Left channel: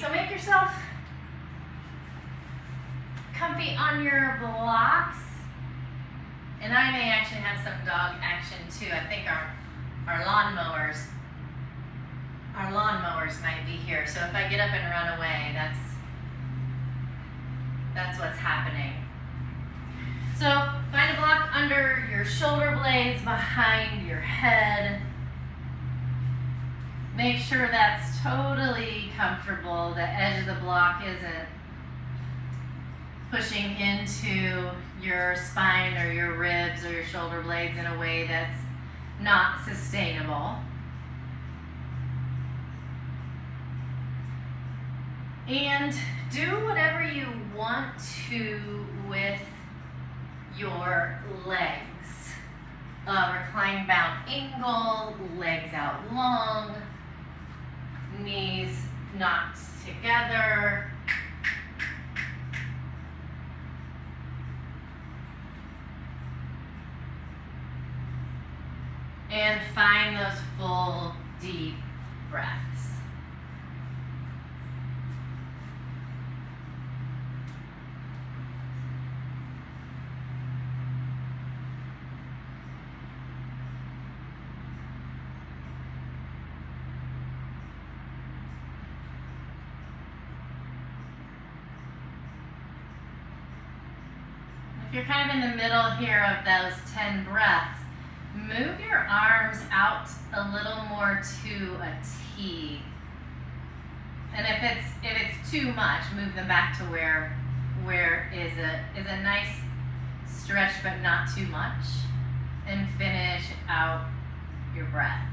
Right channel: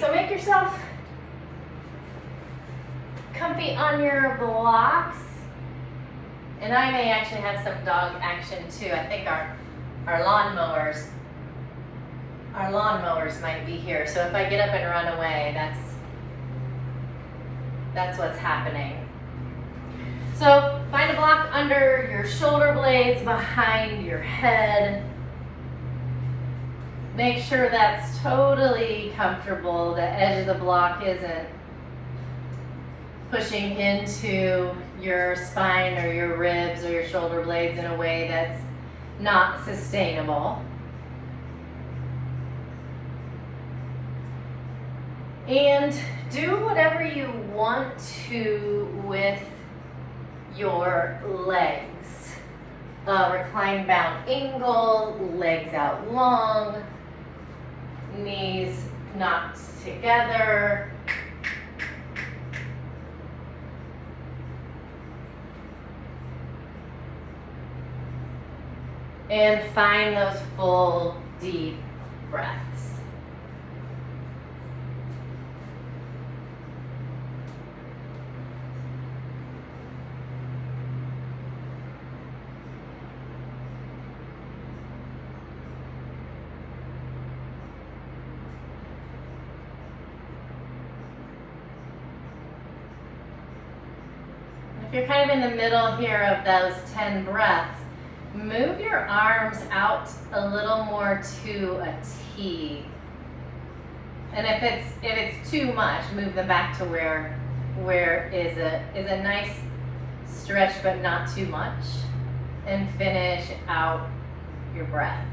right, so make yourself comfy on your blocks. And I may actually have some dog action too. I think our lawnmowers might be here. So if I get up and run away, that's what's happening. So find a block under your shoulder blades, behind your head. Make sure that's totally comfortable. The edge of the block isn't pushing into your spine or your ribs or your shoulder blades in a way that's not sustainable. And do whatever you want to with your legs. Recline bound angle, legs out long, knees knocked together. And find those full, deep breaths. If you're kind of in the middle here of those 10 breaths, move your arms out a little more to a T. And if it's too much, move them back to where is a nice stretch but not too much. And finish out your breaths.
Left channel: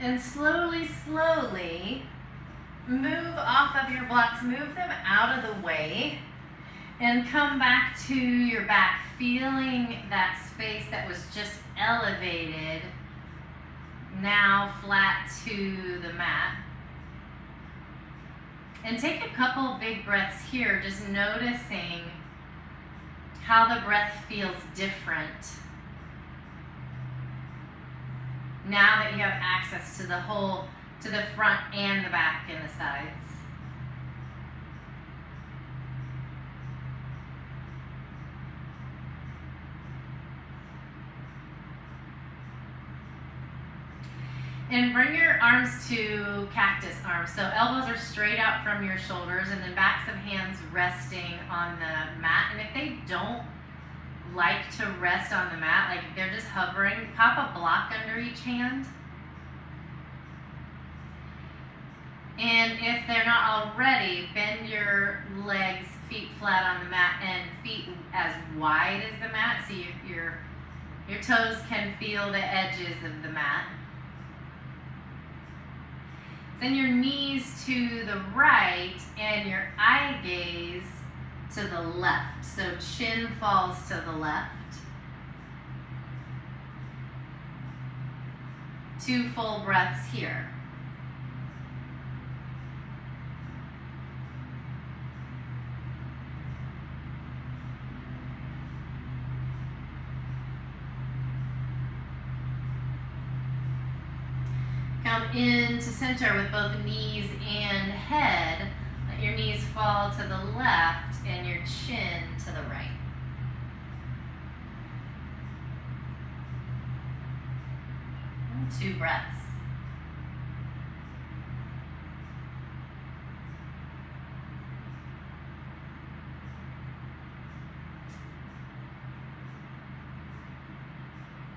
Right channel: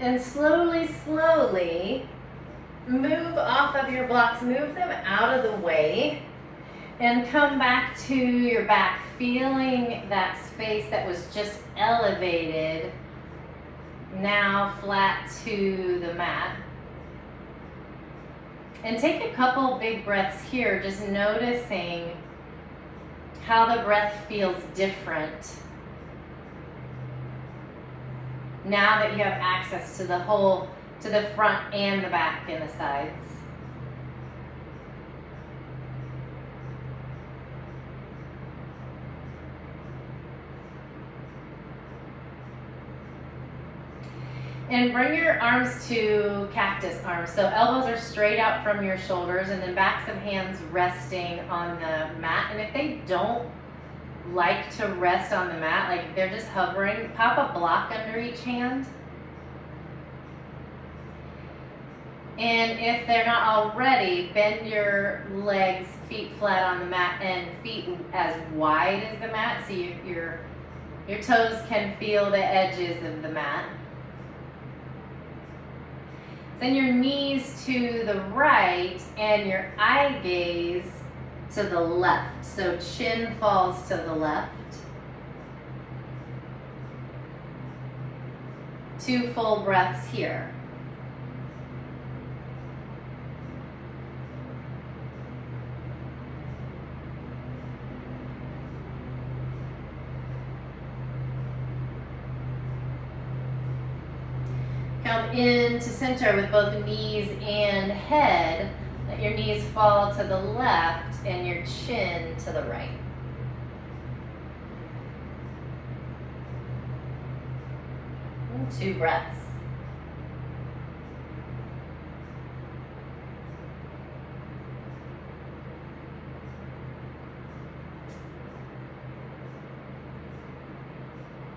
And slowly, slowly move off of your blocks, move them out of the way, and come back to your back, feeling that space that was just elevated, now flat to the mat. And take a couple big breaths here, just noticing how the breath feels different now that you have access to the front and the back and the sides. And bring your arms to cactus arms. So elbows are straight out from your shoulders and then backs of hands resting on the mat. And if they don't like to rest on the mat, like they're just hovering, pop a block under each hand. And if they're not already, bend your legs, feet flat on the mat and feet as wide as the mat so your toes can feel the edges of the mat. Send your knees to the right and your eye gaze to the left. So chin falls to the left. 2 full breaths here. Come into center with both knees and head. Let your knees fall to the left and your chin to the right. And 2 breaths.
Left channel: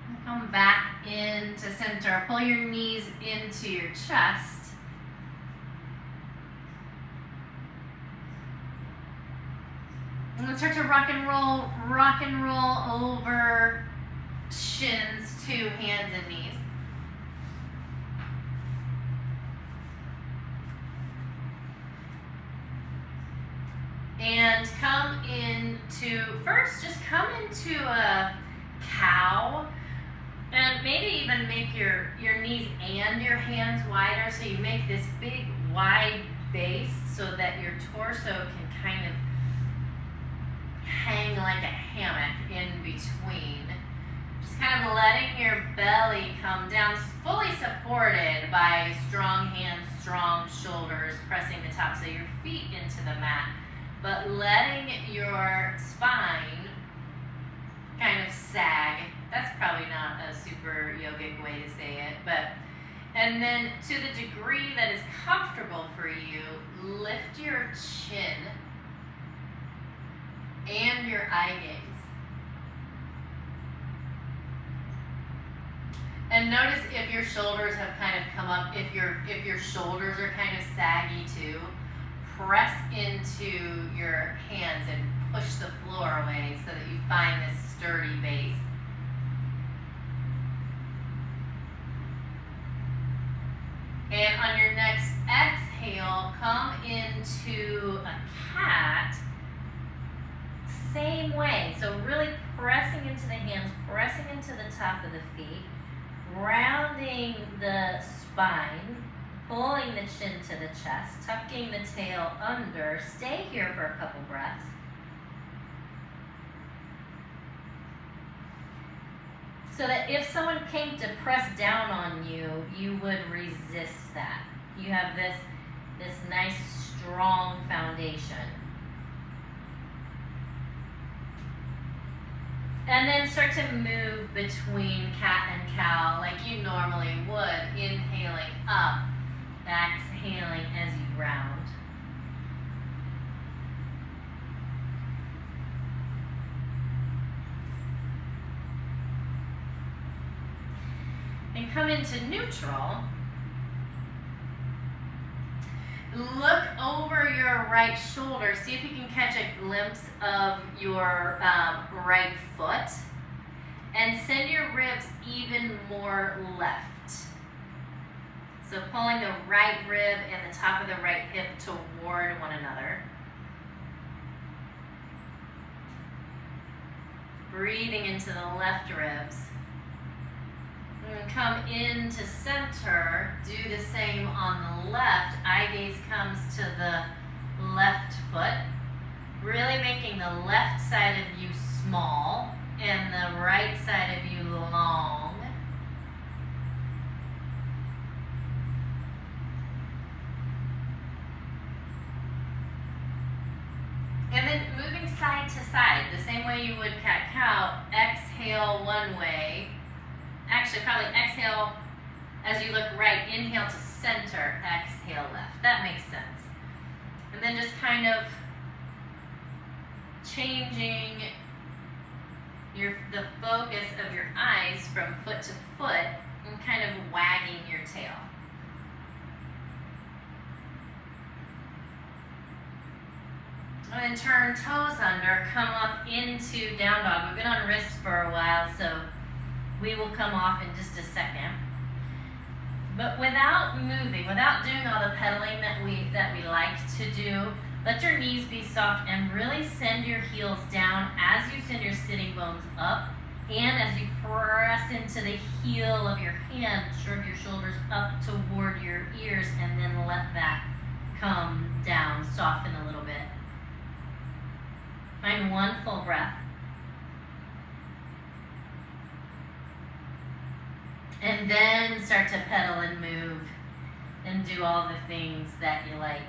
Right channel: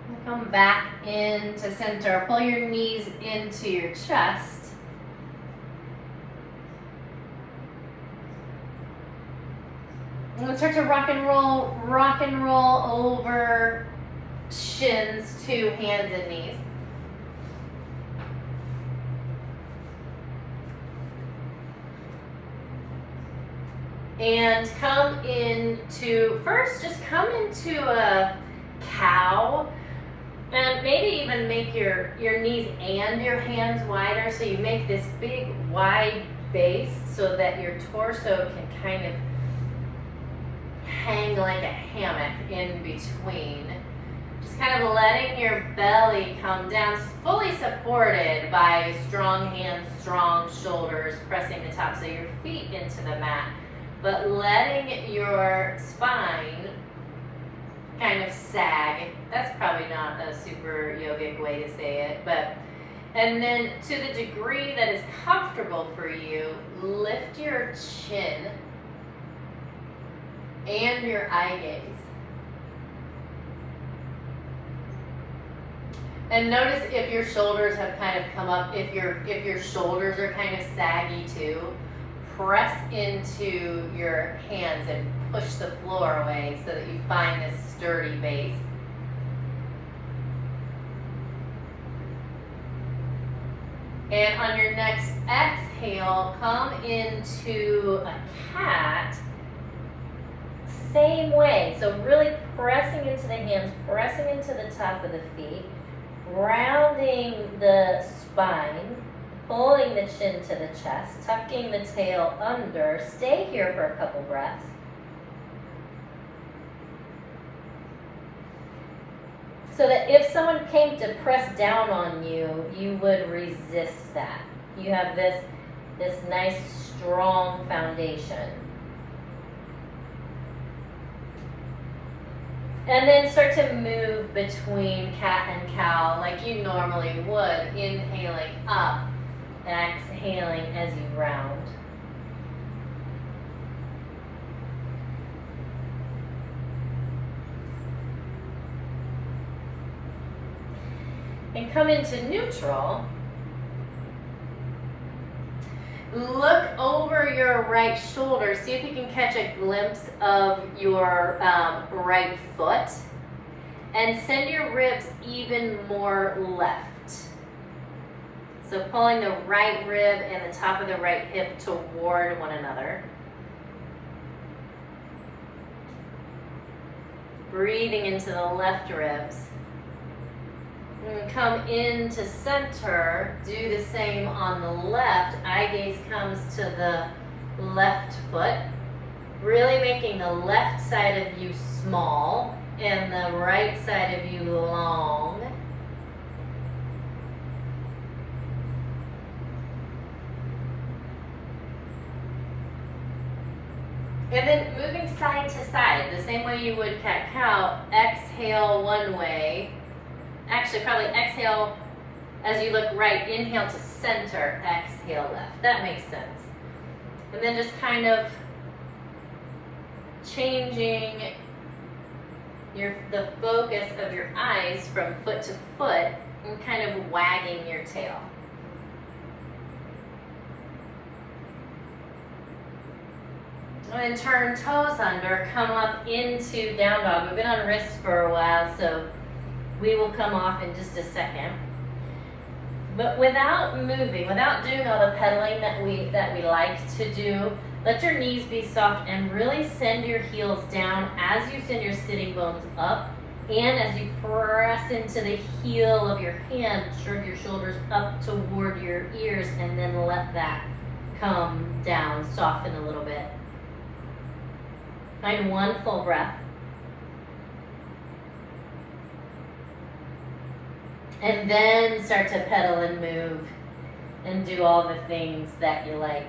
And come back into center. Pull your knees into your chest. And let's start to rock and roll over shins to hands and knees. And come into, first just come into a cow. And maybe even make your knees and your hands wider, so you make this big wide base so that your torso can kind of hang like a hammock in between. Just kind of letting your belly come down, fully supported by strong hands, strong shoulders, pressing the tops of your feet into the mat, but letting your spine kind of sag. That's probably not a super yogic way to say it, but, and then to the degree that is comfortable for you, lift your chin and your eye gaze. And notice if your shoulders have kind of come up, if your shoulders are kind of saggy too, press into your hands and push the floor away so that you find this sturdy base. And on your next exhale, come into a cat. Same way. So really pressing into the hands, pressing into the top of the feet, rounding the spine, pulling the chin to the chest, tucking the tail under. Stay here for a couple breaths. So that if someone came to press down on you, you would resist that. You have this nice, strong foundation. And then start to move between cat and cow like you normally would, inhaling up, exhaling as you round. And come into neutral. Look over your right shoulder. See if you can catch a glimpse of your right foot. And send your ribs even more left. So pulling the right rib and the top of the right hip toward one another. Breathing into the left ribs. And come into center, do the same on the left. Eye gaze comes to the left foot. Really making the left side of you small and the right side of you long. And then moving side to side, the same way you would cat-cow. Exhale one way. Actually, probably exhale as you look right. Inhale to center, exhale left. That makes sense. And then just kind of changing the focus of your eyes from foot to foot and kind of wagging your tail. And turn toes under, come up into down dog. We've been on wrists for a while, so we will come off in just a second. But without moving, without doing all the pedaling that we like to do, let your knees be soft and really send your heels down as you send your sitting bones up, and as you press into the heel of your hand, shrug your shoulders up toward your ears, and then let that come down, soften a little bit. Find one full breath. And then start to pedal and move and do all the things that you like.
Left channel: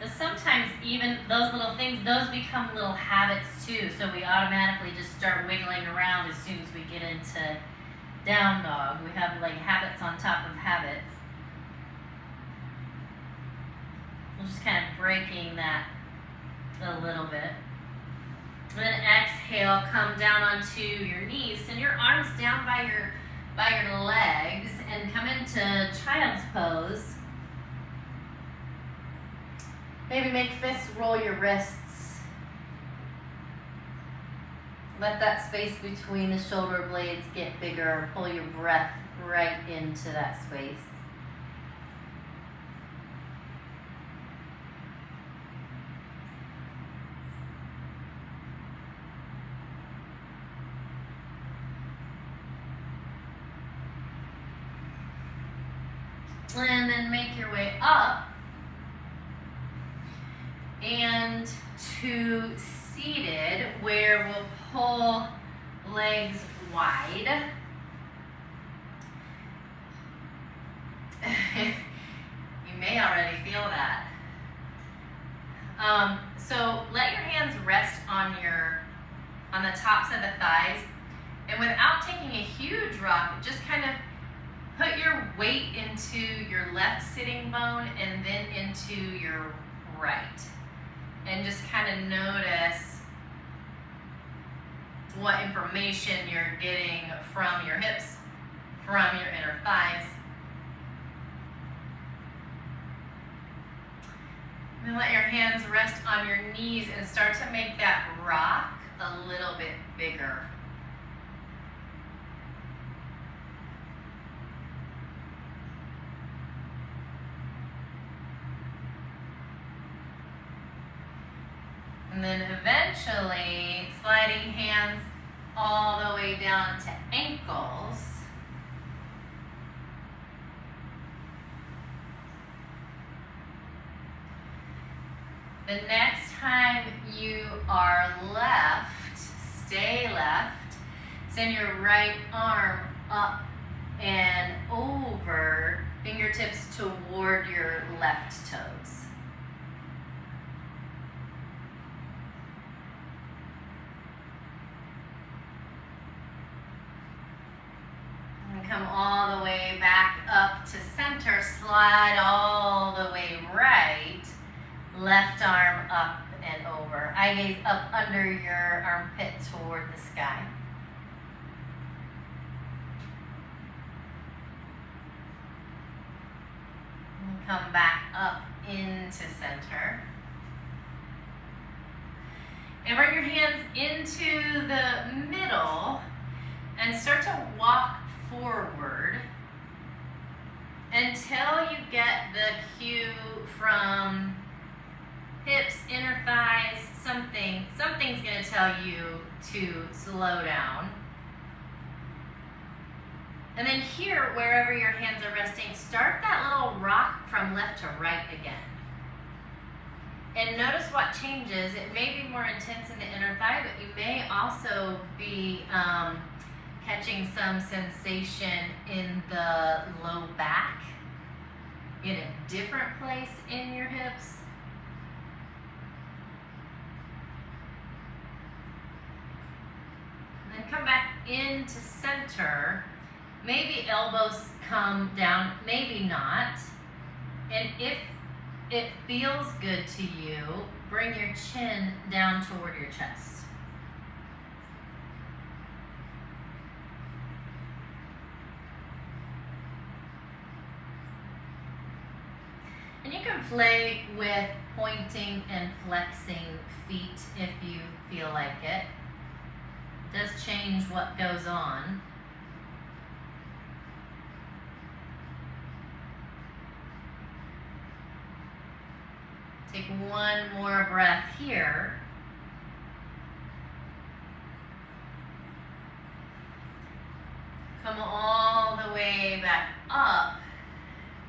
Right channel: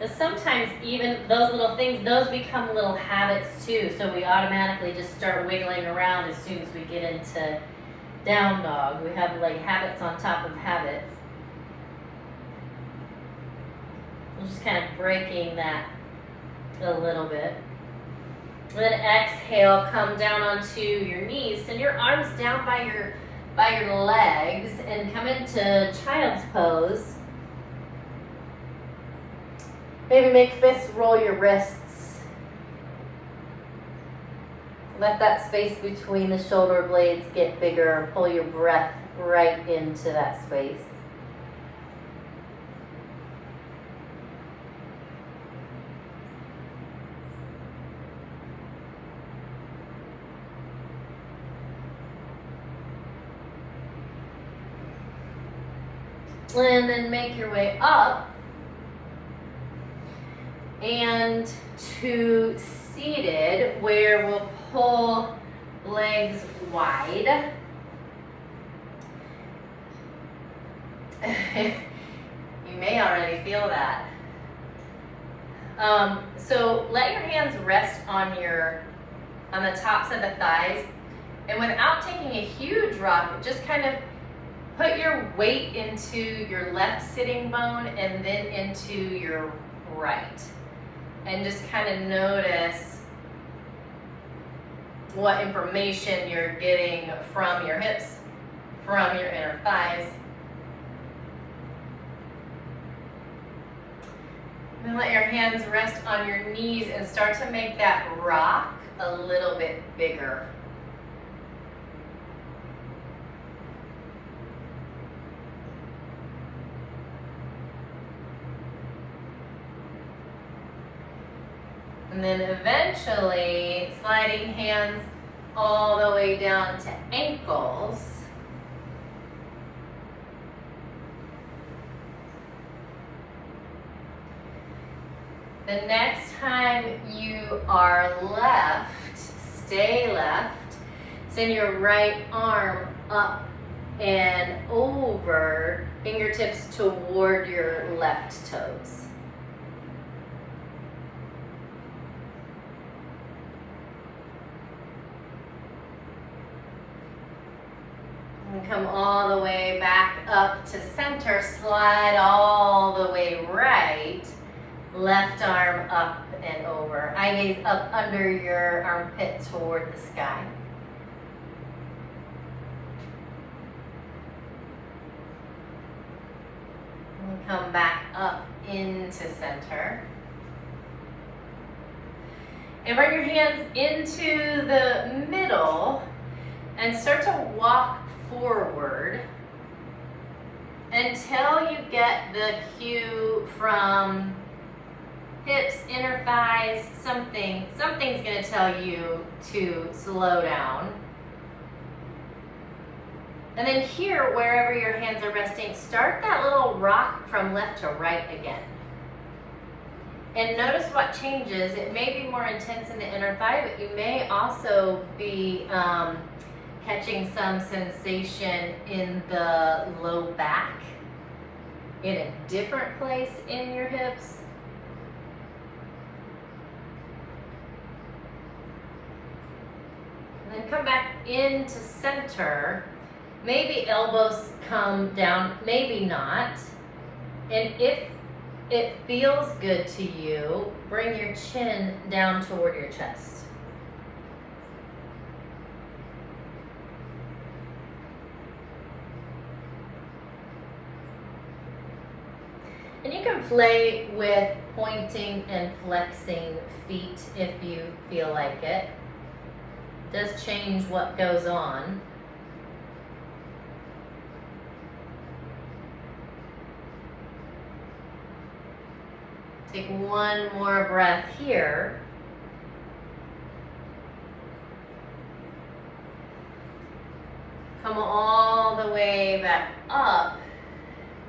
But sometimes even those little things, those become little habits too. So we automatically just start wiggling around as soon as we get into down dog. We have like habits on top of habits. We're just kind of breaking that a little bit. And then exhale, come down onto your knees. Send your arms down by your legs and come into child's pose. Maybe make fists roll your wrists. Let that space between the shoulder blades get bigger and pull your breath right into that space. And then make your way up and to seated, where we'll pull legs wide. You may already feel that. So let your hands rest on the tops of the thighs, and without taking a huge rock, just kind of put your weight into your left sitting bone and then into your right. And just kind of notice what information you're getting from your hips, from your inner thighs. And then let your hands rest on your knees and start to make that rock a little bit bigger. And then eventually sliding hands all the way down to ankles. The next time you are left, stay left. Send your right arm up and over, fingertips toward your left toes. And come all the way back up to center, slide all the way right. Left arm up and over. Eye gaze up under your armpit toward the sky. And come back up into center. And bring your hands into the middle and start to walk forward until you get the cue from hips, inner thighs, something's gonna tell you to slow down. And then here, wherever your hands are resting, start that little rock from left to right again. And notice what changes. It may be more intense in the inner thigh, but you may also be catching some sensation in the low back, in a different place in your hips. And then come back into center. Maybe elbows come down, maybe not. And if it feels good to you, bring your chin down toward your chest. And you can play with pointing and flexing feet if you feel like it. It does change what goes on. Take one more breath here. Come all the way back up.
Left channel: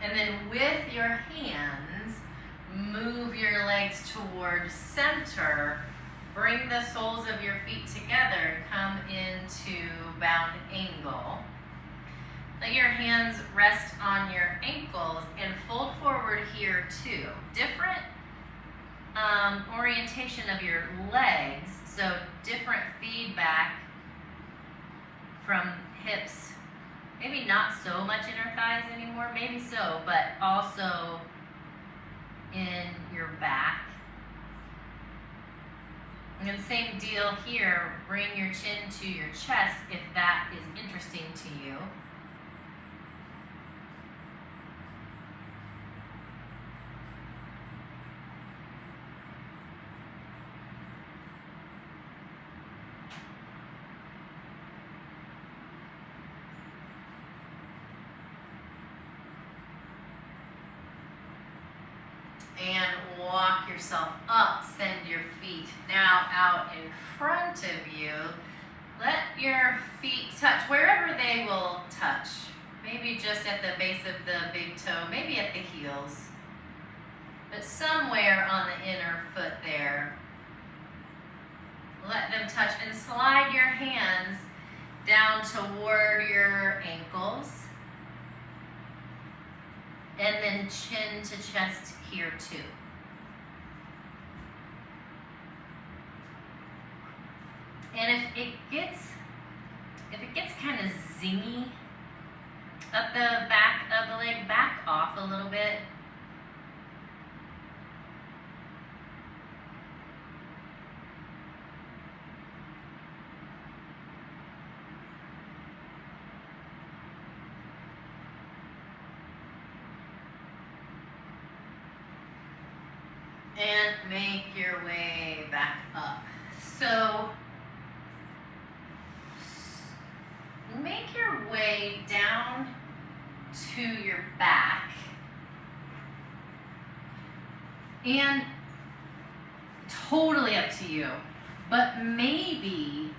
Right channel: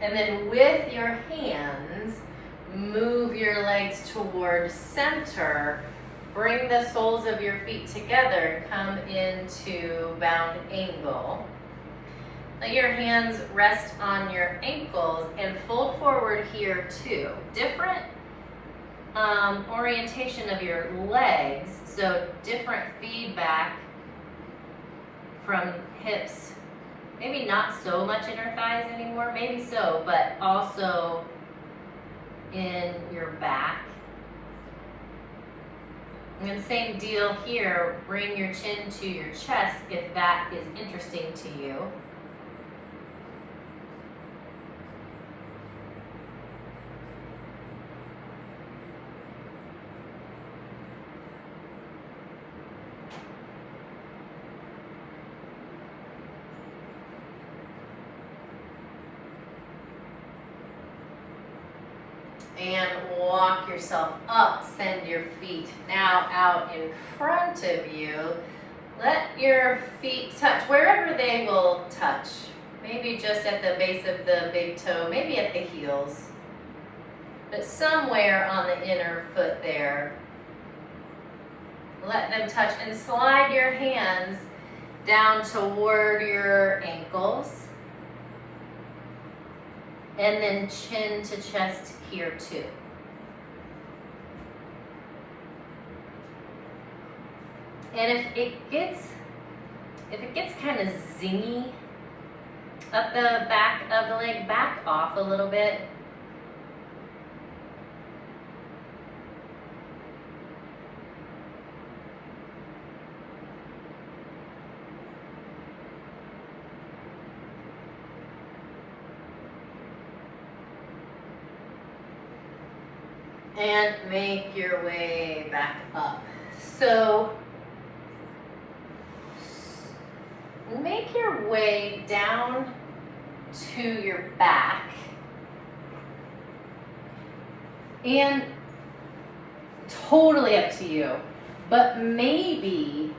And then with your hands, move your legs towards center. Bring the soles of your feet together. Come into bound angle. Let your hands rest on your ankles and fold forward here too. Different orientation of your legs, so different feedback from hips. Maybe not so much inner thighs anymore, maybe so, but also in your back. And then same deal here, bring your chin to your chest if that is interesting to you. And walk yourself up, send your feet now out in front of you. Let your feet touch wherever they will touch. maybe just at the base of the big toe, maybe at the heels, but somewhere on the inner foot there. Let them touch and slide your hands down toward your ankles. And then chin to chest here too. And if it gets kind of zingy up the back of the leg, back off a little bit. And make your way back up. So make your way down to your back. And totally up to you, but maybe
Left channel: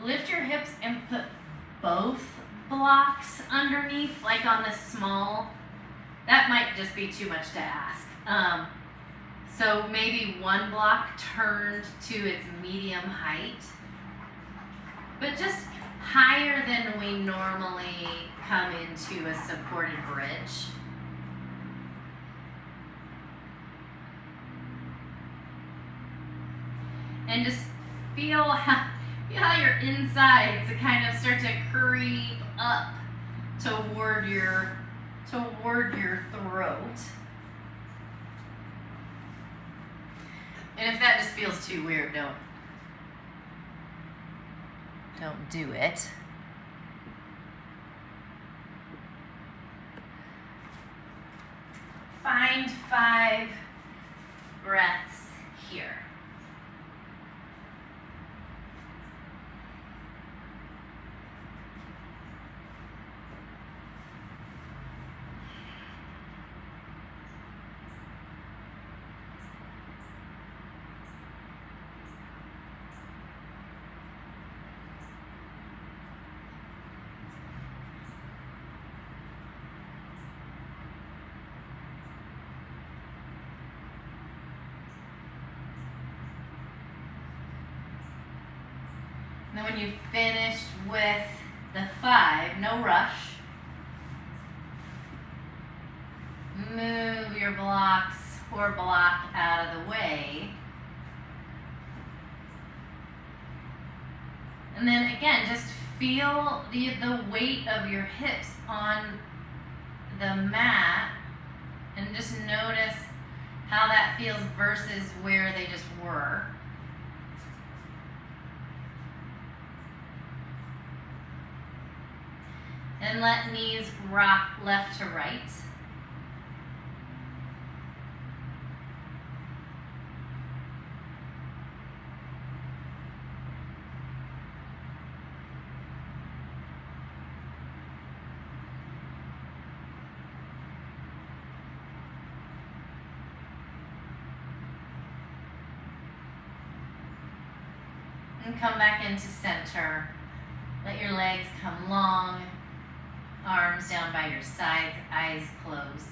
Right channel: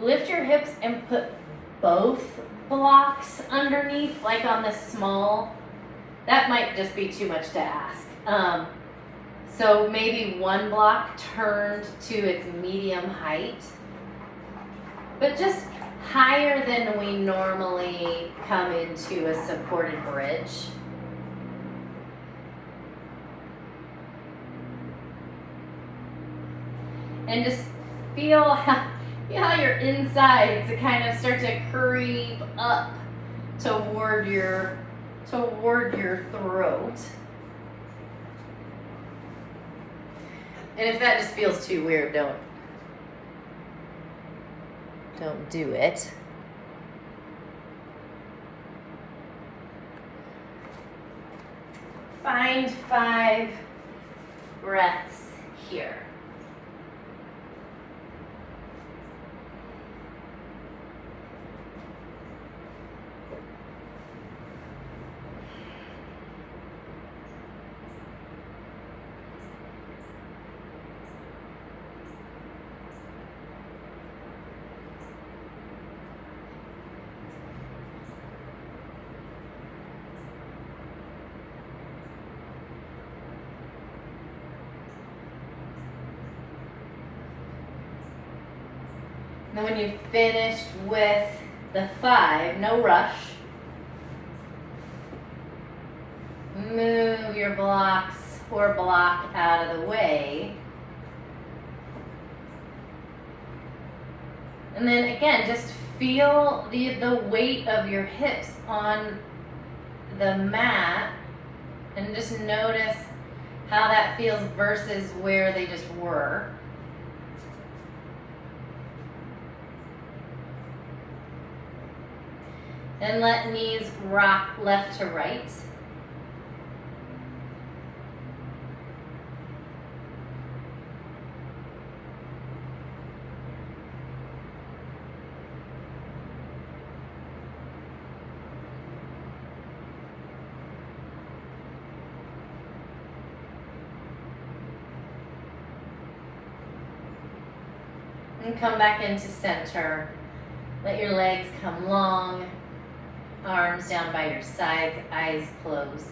lift your hips and put both blocks underneath, like on the small. That might just be too much to ask. So maybe one block turned to its medium height, but just higher than we normally come into a supported bridge. And just feel how your insides kind of start to creep up toward your throat. And if that just feels too weird, don't do it. Find 5 breaths here. And when you've finished with the 5, no rush. Move your blocks or block out of the way. And then again, just feel the weight of your hips on the mat and just notice how that feels versus where they just were. And let knees rock left to right. And come back into center. Let your legs come long. Arms down by your sides, eyes closed.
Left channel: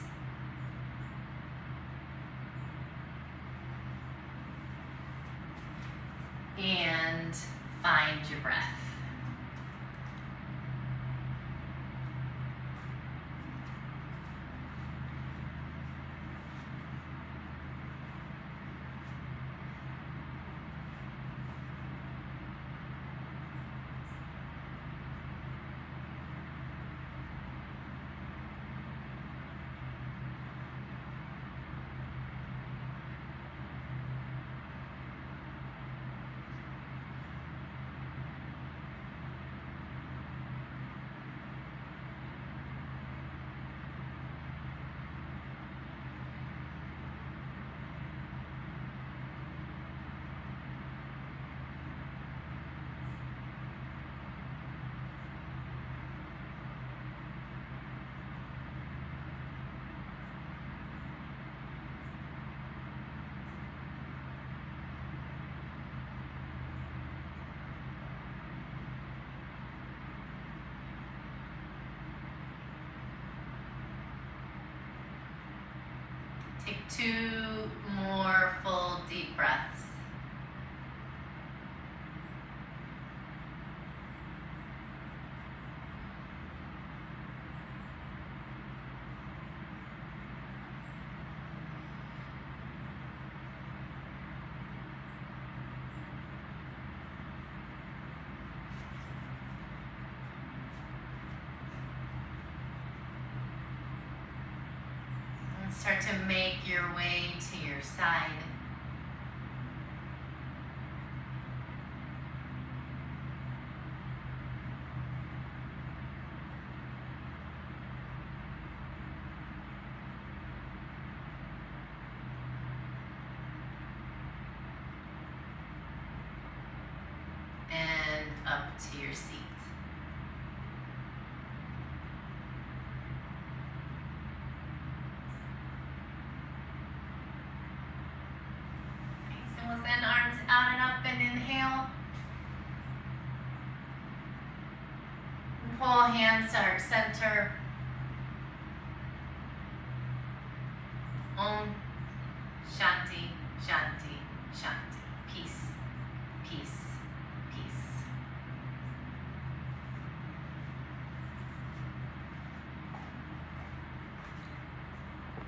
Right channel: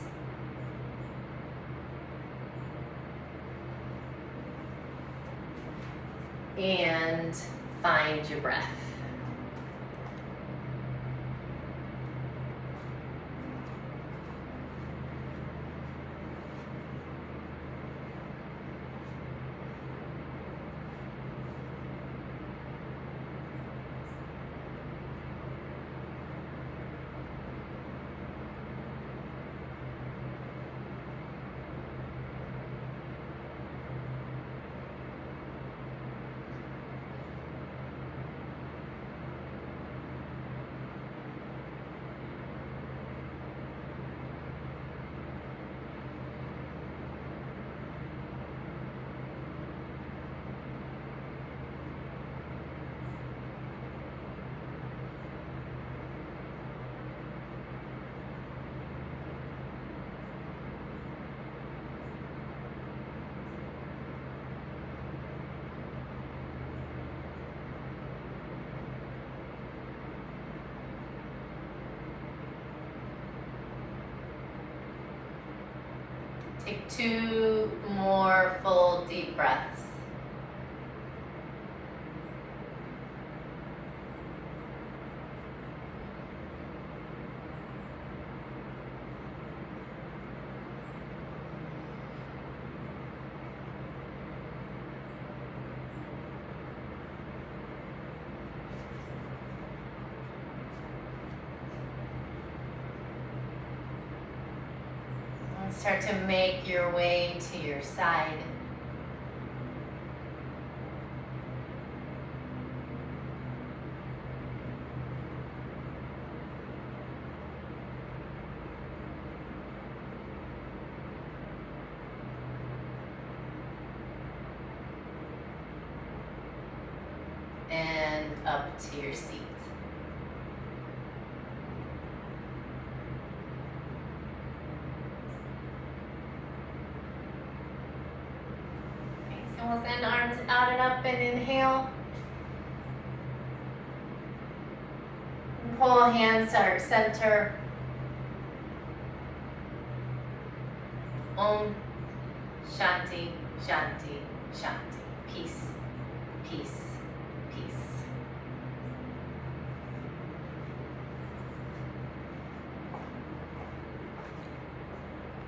And find your breath. Take 2 more full deep breaths. Start to make your way to your side. And up to your seat. We'll send arms out and up and inhale. And pull hands to our center. Om Shanti, Shanti, Shanti. Peace, peace.